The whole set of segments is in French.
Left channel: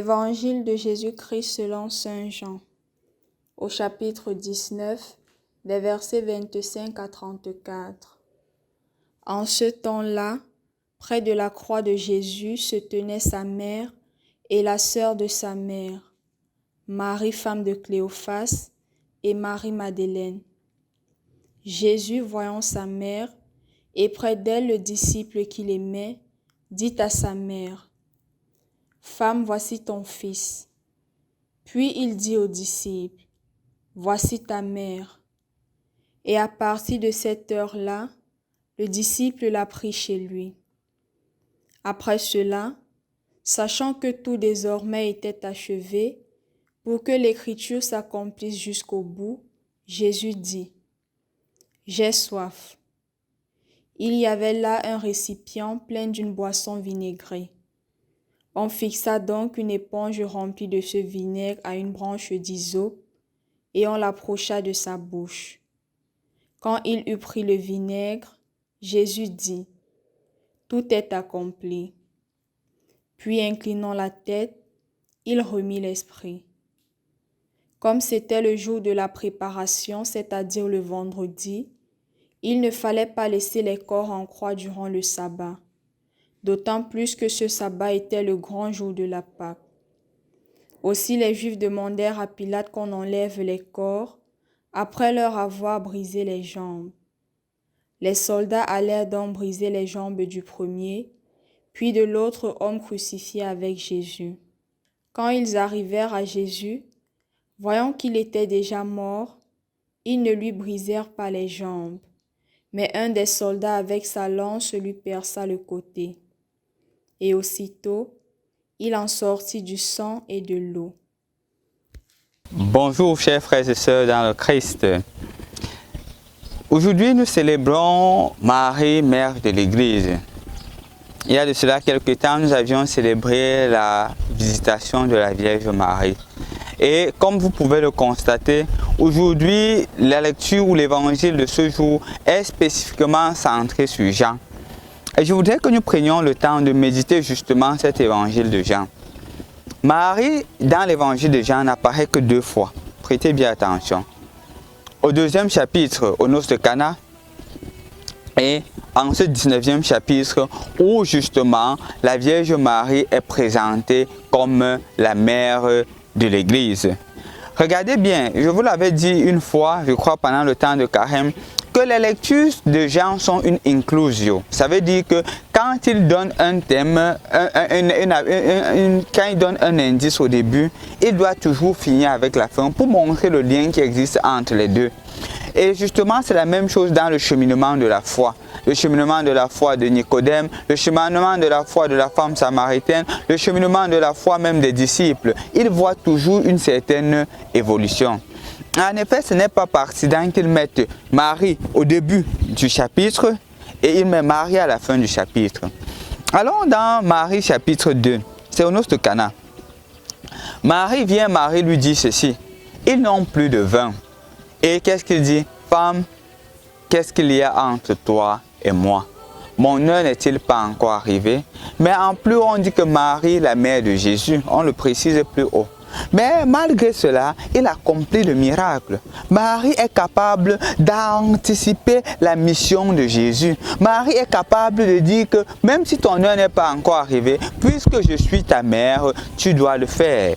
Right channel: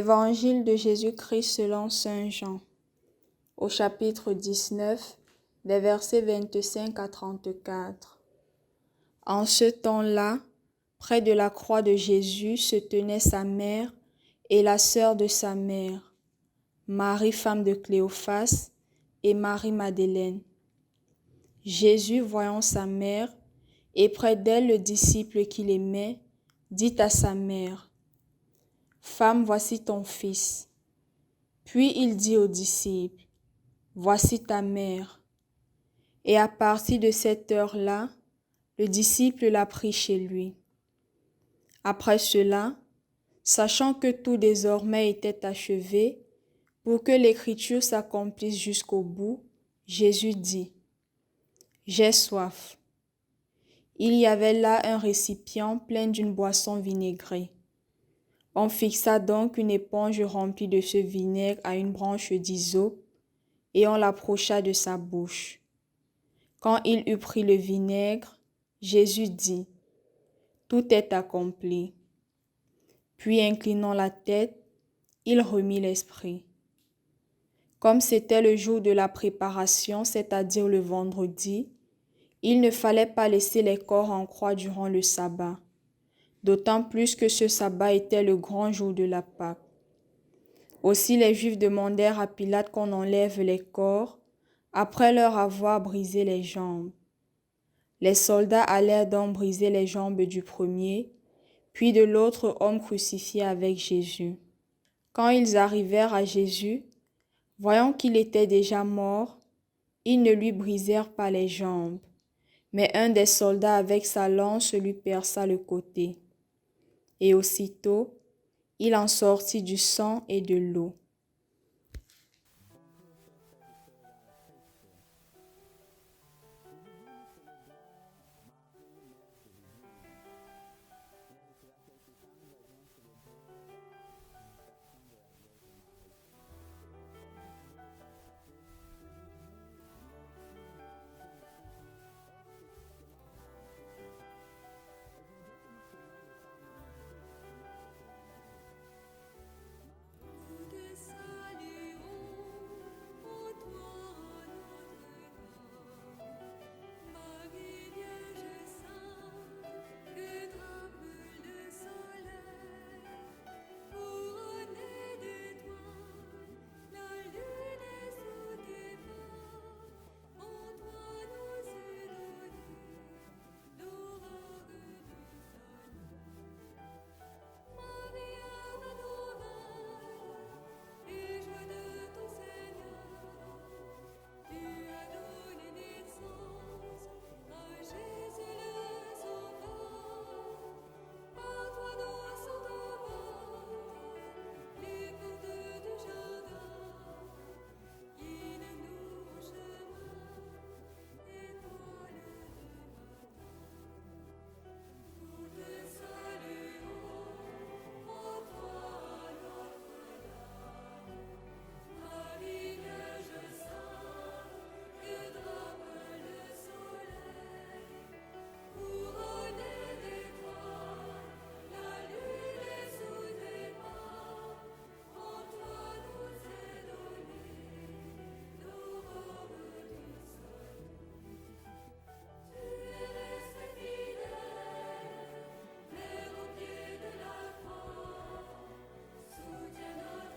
Évangile de Jésus-Christ selon saint Jean, au chapitre 19, des versets 25 à 34. En ce temps-là, près de la croix de Jésus se tenaient sa mère et la sœur de sa mère, Marie femme de Cléophas et Marie-Madeleine. Jésus, voyant sa mère, et près d'elle le disciple qu'il aimait, dit à sa mère, « Femme, voici ton fils. » Puis il dit aux disciples, « Voici ta mère. » Et à partir de cette heure-là, le disciple l'a pris chez lui. Après cela, sachant que tout désormais était achevé, pour que l'écriture s'accomplisse jusqu'au bout, Jésus dit, « J'ai soif. » Il y avait là un récipient plein d'une boisson vinaigrée. On fixa donc une éponge remplie de ce vinaigre à une branche d'hysope et on l'approcha de sa bouche. Quand il eut pris le vinaigre, Jésus dit, « Tout est accompli. » Puis inclinant la tête, il remit l'esprit. Comme c'était le jour de la préparation, c'est-à-dire le vendredi, il ne fallait pas laisser les corps en croix durant le sabbat, d'autant plus que ce sabbat était le grand jour de la Pâque. Aussi les Juifs demandèrent à Pilate qu'on enlève les corps, après leur avoir brisé les jambes. Les soldats allèrent donc briser les jambes du premier, puis de l'autre homme crucifié avec Jésus. Quand ils arrivèrent à Jésus, voyant qu'il était déjà mort, ils ne lui brisèrent pas les jambes, mais un des soldats avec sa lance lui perça le côté. Et aussitôt, il en sortit du sang et de l'eau. Bonjour chers frères et sœurs dans le Christ. Aujourd'hui nous célébrons Marie, mère de l'Église. Il y a de cela quelques temps, nous avions célébré la visitation de la Vierge Marie. Et comme vous pouvez le constater, aujourd'hui la lecture ou l'évangile de ce jour est spécifiquement centré sur Jean. Et je voudrais que nous prenions le temps de méditer justement cet évangile de Jean. Marie, dans l'évangile de Jean, n'apparaît que 2 fois. Prêtez bien attention. Au 2e chapitre, aux noces de Cana, et en ce 19e chapitre, où justement la Vierge Marie est présentée comme la mère de l'Église. Regardez bien, je vous l'avais dit une fois, je crois pendant le temps de Carême, que les lectures de Jean sont une inclusio. Ça veut dire que quand il donne un thème, quand il donne un indice au début, il doit toujours finir avec la fin pour montrer le lien qui existe entre les deux. Et justement, c'est la même chose dans le cheminement de la foi. Le cheminement de la foi de Nicodème, le cheminement de la foi de la femme samaritaine, le cheminement de la foi même des disciples. Ils voient toujours une certaine évolution. En effet, ce n'est pas par accident qu'ils mettent Marie au début du chapitre et ils mettent Marie à la fin du chapitre. Allons dans Marie chapitre 2, c'est aux noces de Cana. Marie lui dit ceci, « Ils n'ont plus de vin. » Et qu'est-ce qu'il dit? « Femme, qu'est-ce qu'il y a entre toi et moi? Mon heure n'est-il pas encore arrivée? » Mais en plus, on dit que Marie, la mère de Jésus, on le précise plus haut. Mais malgré cela, il accomplit le miracle. Marie est capable d'anticiper la mission de Jésus. Marie est capable de dire que même si ton heure n'est pas encore arrivée, puisque je suis ta mère, tu dois le faire.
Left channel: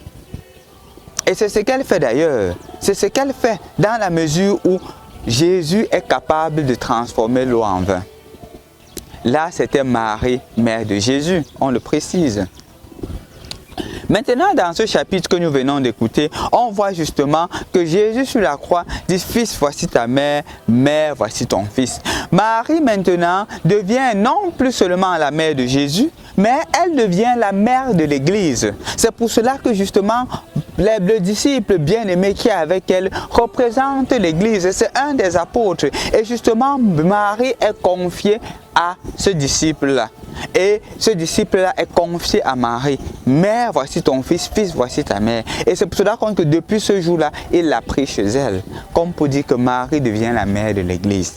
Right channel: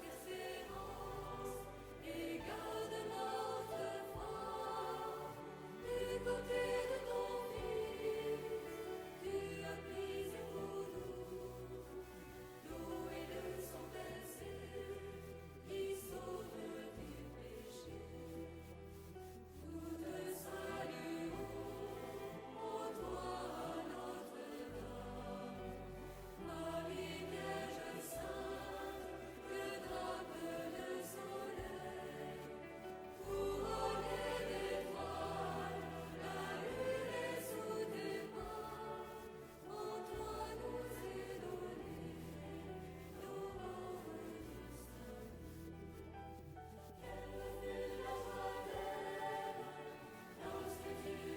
Et c'est ce qu'elle fait d'ailleurs. C'est ce qu'elle fait dans la mesure où Jésus est capable de transformer l'eau en vin. Là, c'était Marie, mère de Jésus, on le précise. Maintenant, dans ce chapitre que nous venons d'écouter, on voit justement que Jésus sur la croix dit « Fils, voici ta mère, mère, voici ton fils ». Marie maintenant devient non plus seulement la mère de Jésus, mais elle devient la mère de l'Église. C'est pour cela que justement, le disciple bien-aimé qui est avec elle représente l'Église. C'est un des apôtres. Et justement, Marie est confiée à ce disciple-là. Et ce disciple-là est confié à Marie. Mère, voici ton fils, fils, voici ta mère. Et c'est pour cela que depuis ce jour-là, il l'a pris chez elle. Comme pour dire que Marie devient la mère de l'Église.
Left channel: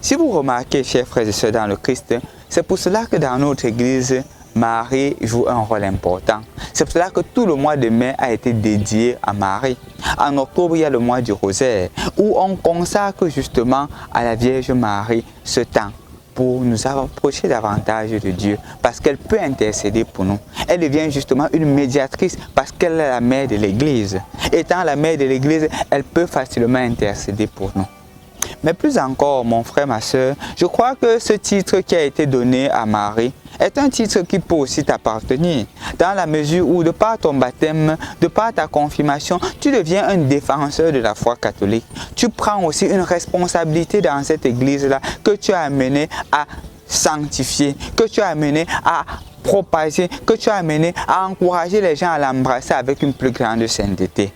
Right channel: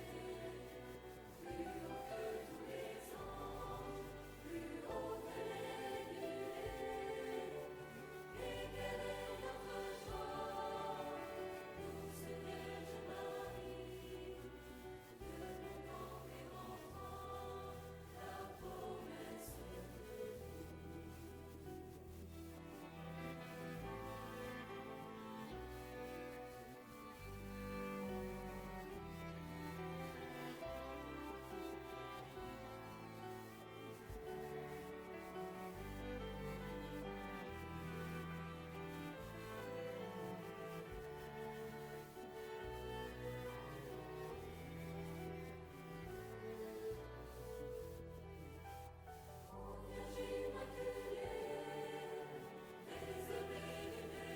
Si vous remarquez, chers frères et sœurs dans le Christ, c'est pour cela que dans notre Église, Marie joue un rôle important. C'est pour cela que tout le mois de mai a été dédié à Marie. En octobre, il y a le mois du rosaire, où on consacre justement à la Vierge Marie ce temps pour nous approcher davantage de Dieu, parce qu'elle peut intercéder pour nous. Elle devient justement une médiatrice parce qu'elle est la mère de l'Église. Étant la mère de l'Église, elle peut facilement intercéder pour nous. Mais plus encore, mon frère, ma soeur, je crois que ce titre qui a été donné à Marie est un titre qui peut aussi t'appartenir, dans la mesure où, de par ton baptême, de par ta confirmation, tu deviens un défenseur de la foi catholique. Tu prends aussi une responsabilité dans cette église-là que tu as amené à sanctifier, que tu as amené à propager, que tu as amené à encourager les gens à l'embrasser avec une plus grande sainteté.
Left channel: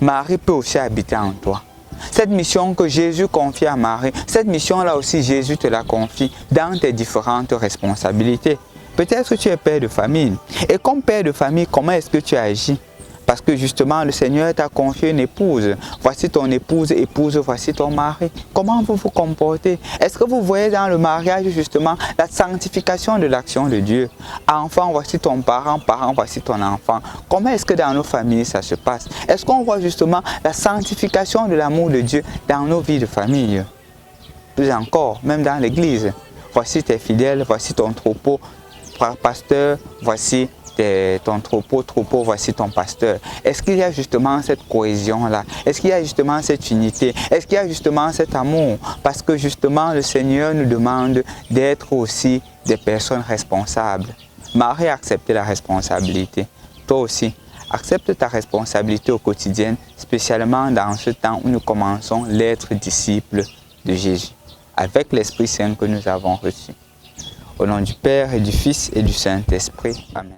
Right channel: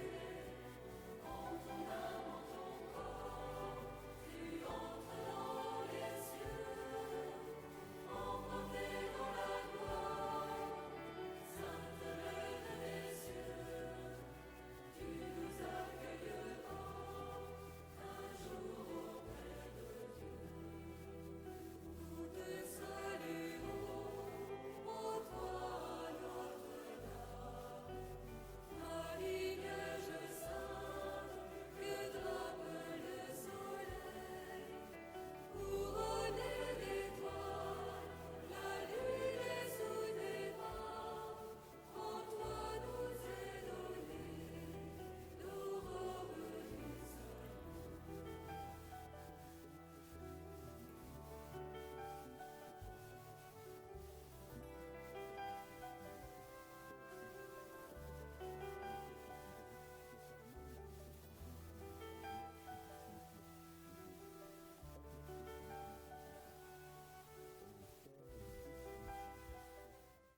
Marie peut aussi habiter en toi. Cette mission que Jésus confie à Marie, cette mission-là aussi, Jésus te la confie dans tes différentes responsabilités. Peut-être tu es père de famille. Et comme père de famille, comment est-ce que tu agis? Parce que justement, le Seigneur t'a confié une épouse. Voici ton épouse, épouse, voici ton mari. Comment vous vous comportez? Est-ce que vous voyez dans le mariage justement la sanctification de l'action de Dieu? Enfant, voici ton parent, parent, voici ton enfant. Comment est-ce que dans nos familles ça se passe? Est-ce qu'on voit justement la sanctification de l'amour de Dieu dans nos vies de famille? Plus encore, même dans l'église. Voici tes fidèles, voici ton troupeau. Pasteur, voici ton troupeau, voici ton pasteur. Est-ce qu'il y a justement cette cohésion-là? Est-ce qu'il y a justement cette unité? Est-ce qu'il y a justement cet amour? Parce que justement, le Seigneur nous demande d'être aussi des personnes responsables. Marie a accepté la responsabilité. Toi aussi, accepte ta responsabilité au quotidien, spécialement dans ce temps où nous commençons l'être disciples de Jésus, avec l'Esprit Saint que nous avons reçu. Au nom du Père et du Fils et du Saint-Esprit. Amen.